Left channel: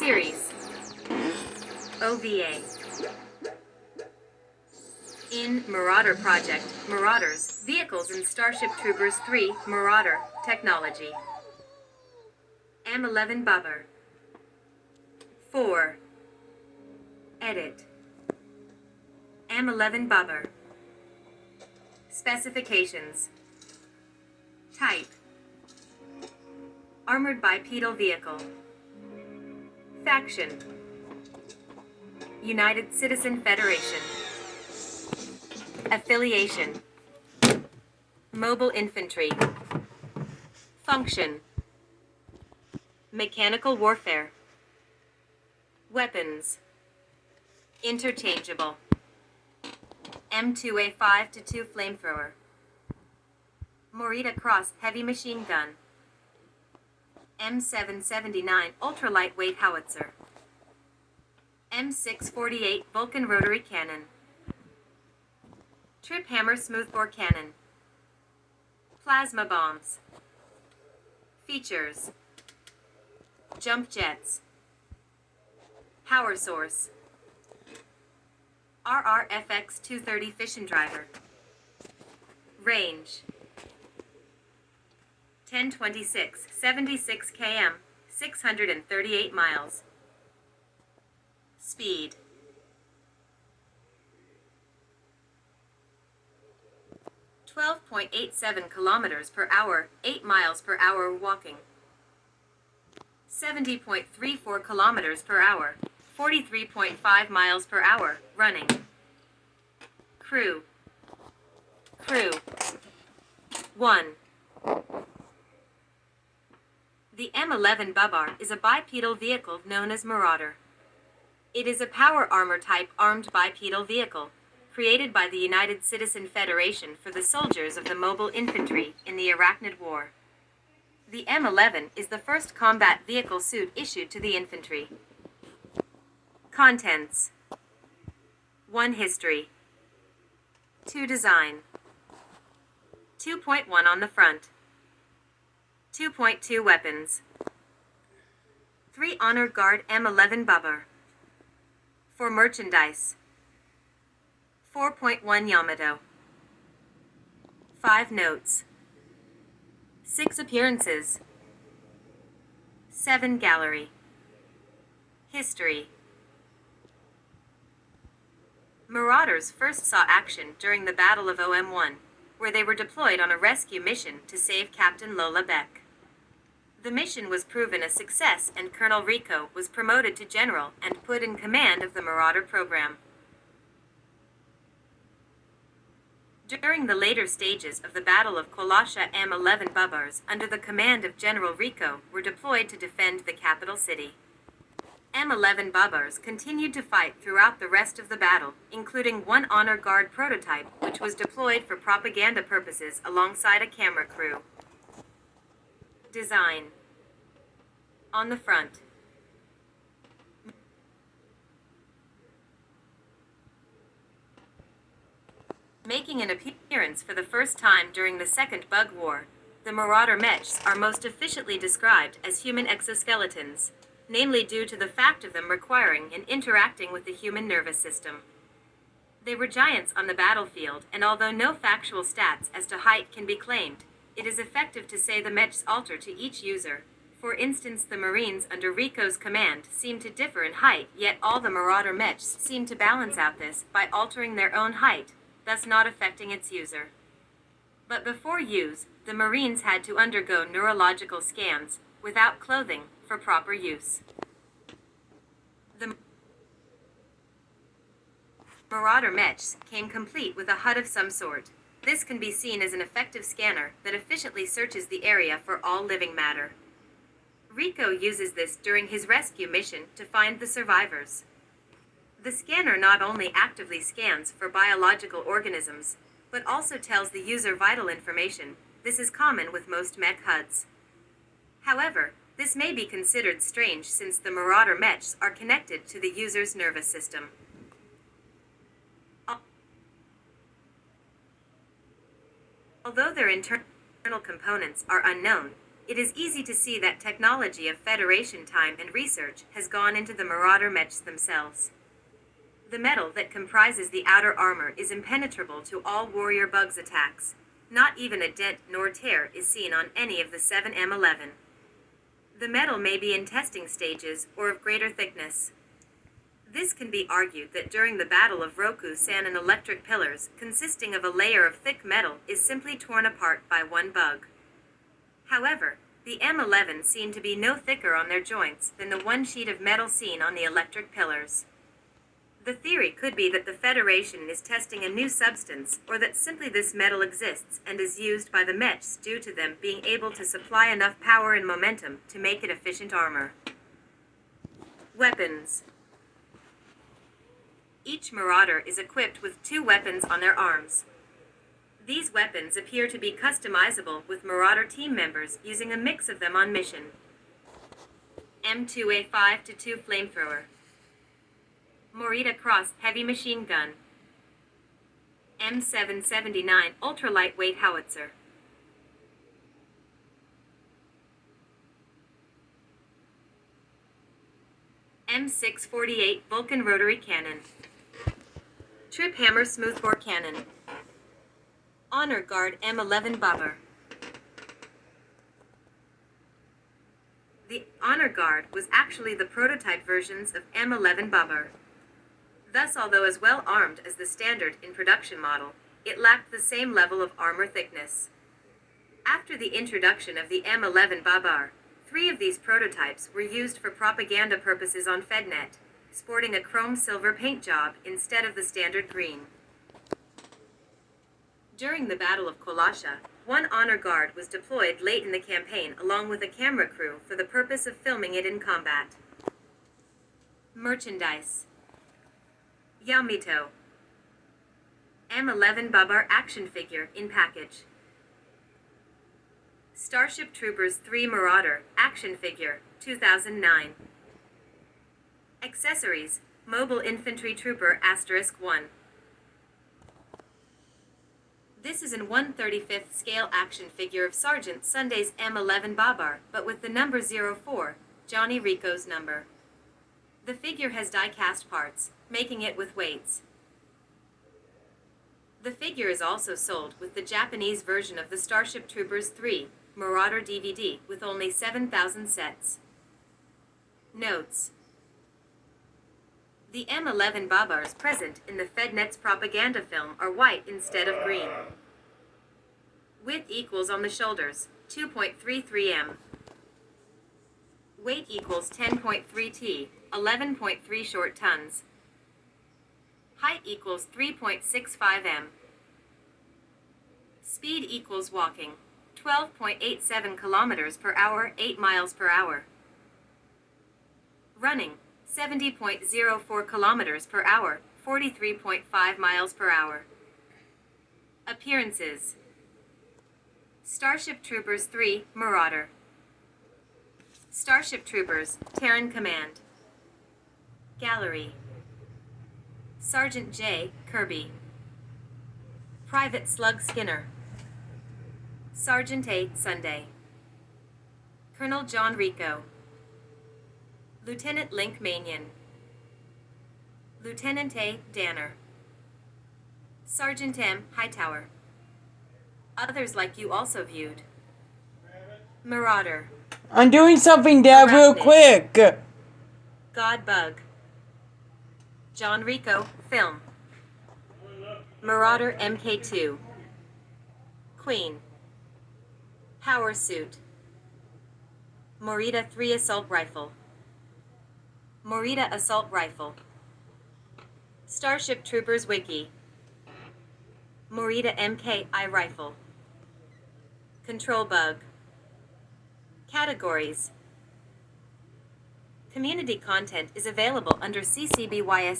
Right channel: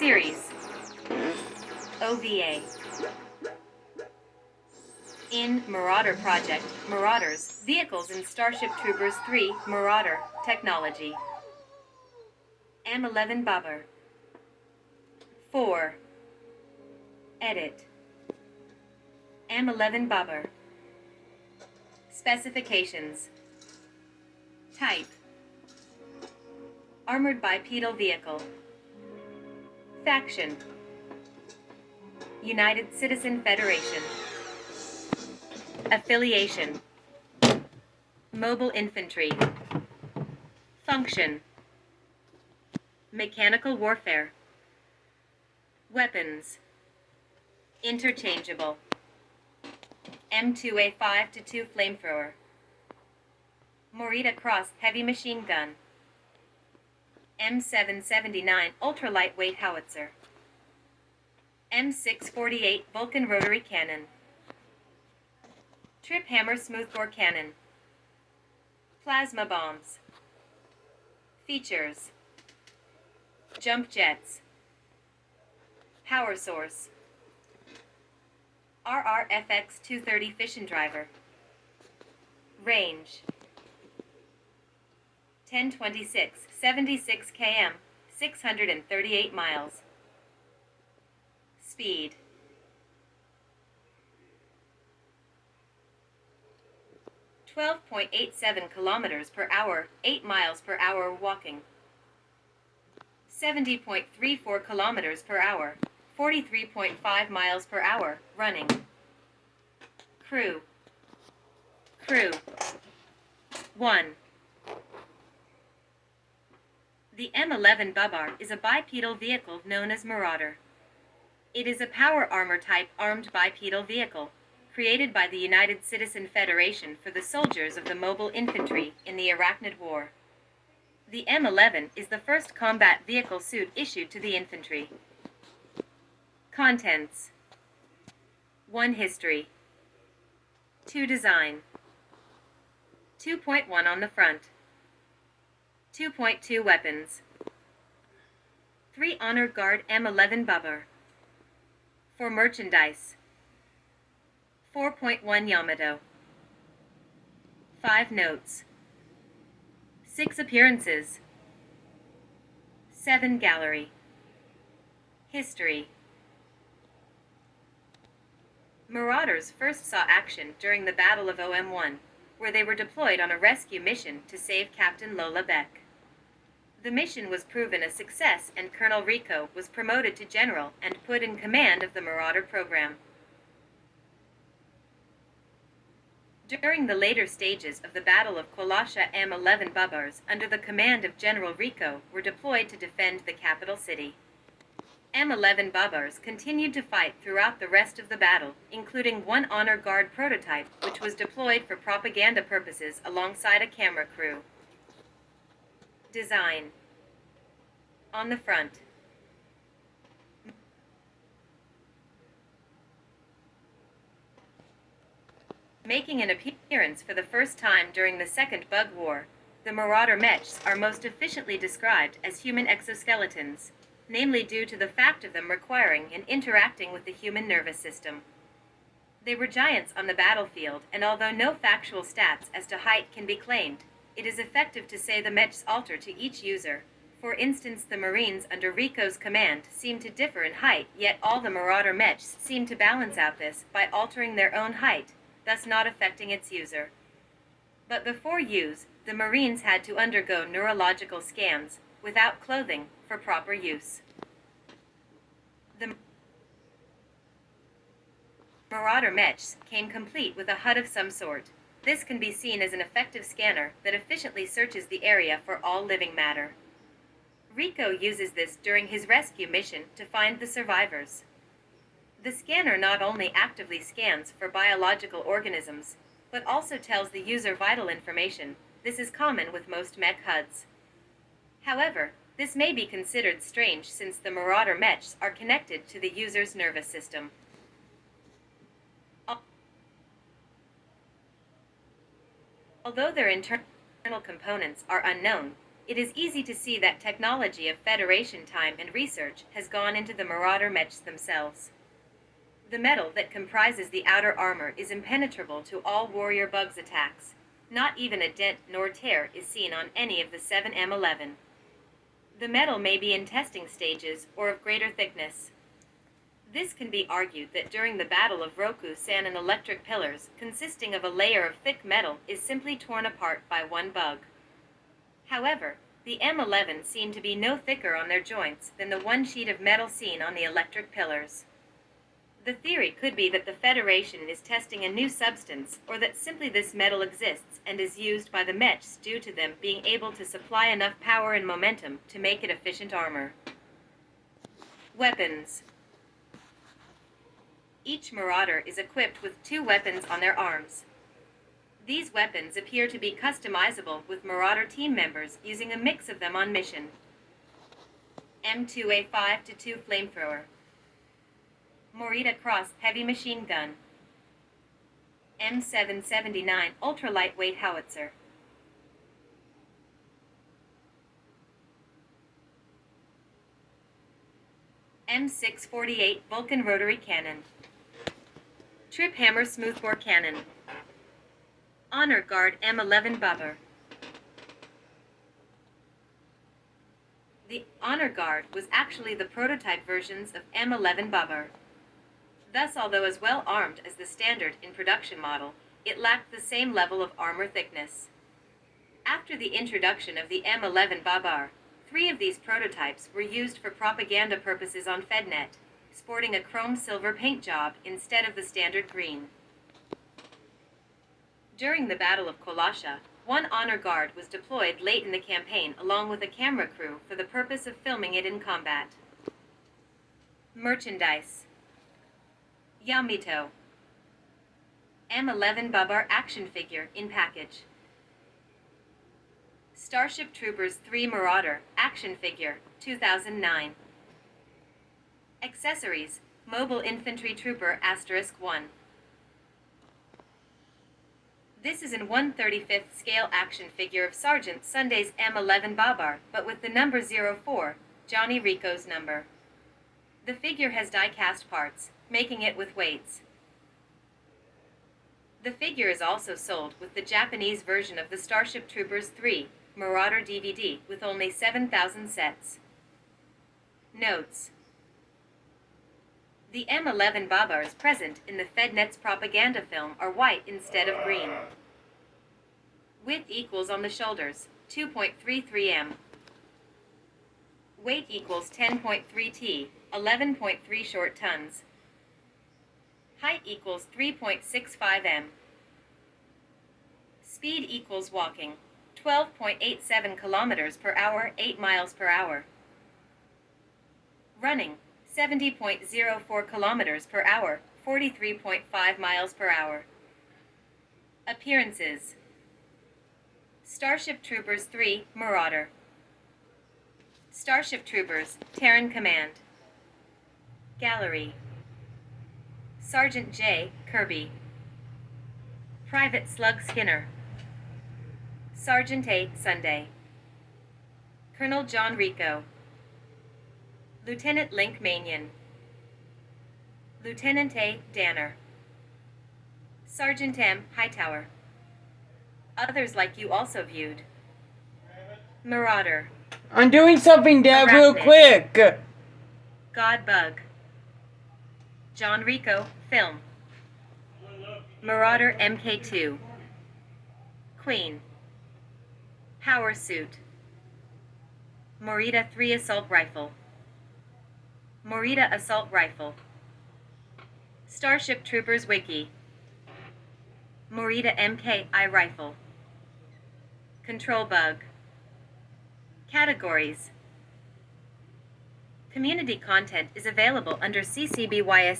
Series OVA. In Marauder Project, Marauders, Vehicles in Starship Troopers 3, Marauder, Technology. m11babar. 4. Edit. m11babar. Specifications. Type. Armored bipedal vehicle. Faction. United Citizen Federation. Affiliation. Mobile Infantry. Function. Mechanical warfare. Weapons. Interchangeable. M2A5-2 flamethrower. Morita Cross heavy machine gun. M779 ultra-lightweight howitzer. M648 Vulcan rotary cannon. Trip hammer smoothbore cannon. Plasma bombs. Features. Jump jets. Power source. RRFX 230 fission driver. Range. 1026, 76 km, 638 miles. Speed. .87 kilometers per hour, 8 miles per hour walking. 70.34 kilometers per hour, 43.5 miles per hour running. Crew. 1. The m11babar is a bipedal vehicle known as Marauder. It is a power armor type armed bipedal vehicle, created by the United Citizen Federation for the soldiers of the mobile infantry in the Arachnid War. The M11 is the first combat vehicle suit issued to the infantry. Contents. 1. History. 2. Design. 2.1 on the front. 2.2 Weapons. 3. Honor Guard m11babar. 4. Merchandise. 4.1 Yamato. 5. Notes. 6. Appearances. 7. Gallery. History. Marauders first saw action during the Battle of OM1, where they were deployed on a rescue mission to save Captain Lola Beck. The mission was proven a success, and Colonel Rico was promoted to general and put in command of the Marauder program. During the later stages of the Battle of Kolasha, m11babars, under the command of General Rico, were deployed to defend the capital city. M11babars continued to fight throughout the rest of the battle, including one Honor Guard prototype, which was deployed for propaganda purposes alongside a camera crew. Design. On the front. Making an appearance for the first time during the Second Bug War, the Marauder mechs are most efficiently described as human exoskeletons, namely due to the fact of them requiring and interacting with the human nervous system. They were giants on the battlefield, and although no factual stats as to height can be claimed, it is effective to say the mechs alter to each user. For instance, the Marines under Rico's command seem to differ in height, yet all the Marauder mechs seem to balance out this by altering their own height, thus not affecting its user. But before use, the Marines had to undergo neurological scans, without clothing, for proper use. The Marauder mechs came complete with a HUD of some sort. This can be seen as an effective scanner that efficiently searches the area for all living matter. Rico uses this during his rescue mission to find the survivors. The scanner not only actively scans for biological organisms, but also tells the user vital information. This is common with most mech HUDs. However, this may be considered strange since the Marauder mechs are connected to the user's nervous system. Although their internal components are unknown, it is easy to see that technology of Federation time and research has gone into the Marauder mechs themselves. The metal that comprises the outer armor is impenetrable to all warrior bugs' attacks. Not even a dent nor tear is seen on any of the 7 M11. The metal may be in testing stages or of greater thickness. This can be argued that during the Battle of Roku-san an electric pillars, consisting of a layer of thick metal, is simply torn apart by one bug. However, the M11 seem to be no thicker on their joints than the one sheet of metal seen on the electric pillars. The theory could be that the Federation is testing a new substance, or that simply this metal exists and is used by the mechs due to them being able to supply enough power and momentum to make it efficient armor. Weapons. Each Marauder is equipped with 2 weapons on their arms. These weapons appear to be customizable with Marauder team members using a mix of them on mission. M2A5-2 flamethrower. Morita Cross heavy machine gun. M779 ultra-lightweight howitzer. M648 Vulcan rotary cannon. Trip hammer smoothbore cannon. Honor Guard m11babar. The Honor Guard was actually the prototype versions of m11babar. Thus, although as well armed as the standard in production model, it lacked the same level of armor thickness. After the introduction of the m11babar, 3 of these prototypes were used for propaganda purposes on FedNet, sporting a chrome-silver paint job instead of the standard green. During the Battle of Kolasha, one Honor Guard was deployed late in the campaign along with a camera crew for the purpose of filming it in combat. Merchandise. Yamito. m11babar action figure in package. Starship Troopers 3 Marauder action figure, 2009. Accessories: Mobile Infantry Trooper *1. This is an 1/35th scale action figure of Sergeant Sunday's m11babar, but with the number 04, Johnny Rico's number. The figure has die-cast parts, making it with weights. The figure is also sold with the Japanese version of the Starship Troopers 3 Marauder DVD with only 7,000 sets. Notes. The m11babars present in the FedNet's propaganda film are white instead of green. Width equals on the shoulders, 2.33 m. Weight equals 10.3 t, 11.3 short tons. Height equals 3.65 m. Speed equals walking, 12.87 kilometers per hour, 8 miles per hour. Running, 70.04 kilometers per hour, 43.5 miles per hour. Appearances. Starship Troopers 3 Marauder. Starship Troopers Terran Command. Gallery. Sergeant J. Kirby. Private Slug Skinner. Sergeant A. Sunday. Colonel John Rico. Lieutenant Link Manion. Lieutenant A. Danner. Sergeant M. Hightower. Others like you also viewed. Marauder. I'm doing something, Dad, real quick. God Bug. John Rico, film. Marauder MK2. Queen. Power Suit. Morita 3 Assault Rifle. Morita Assault Rifle. Starship Troopers Wiki. Morita MKI Rifle. Control Bug. Categories. Community content is available under CCBYS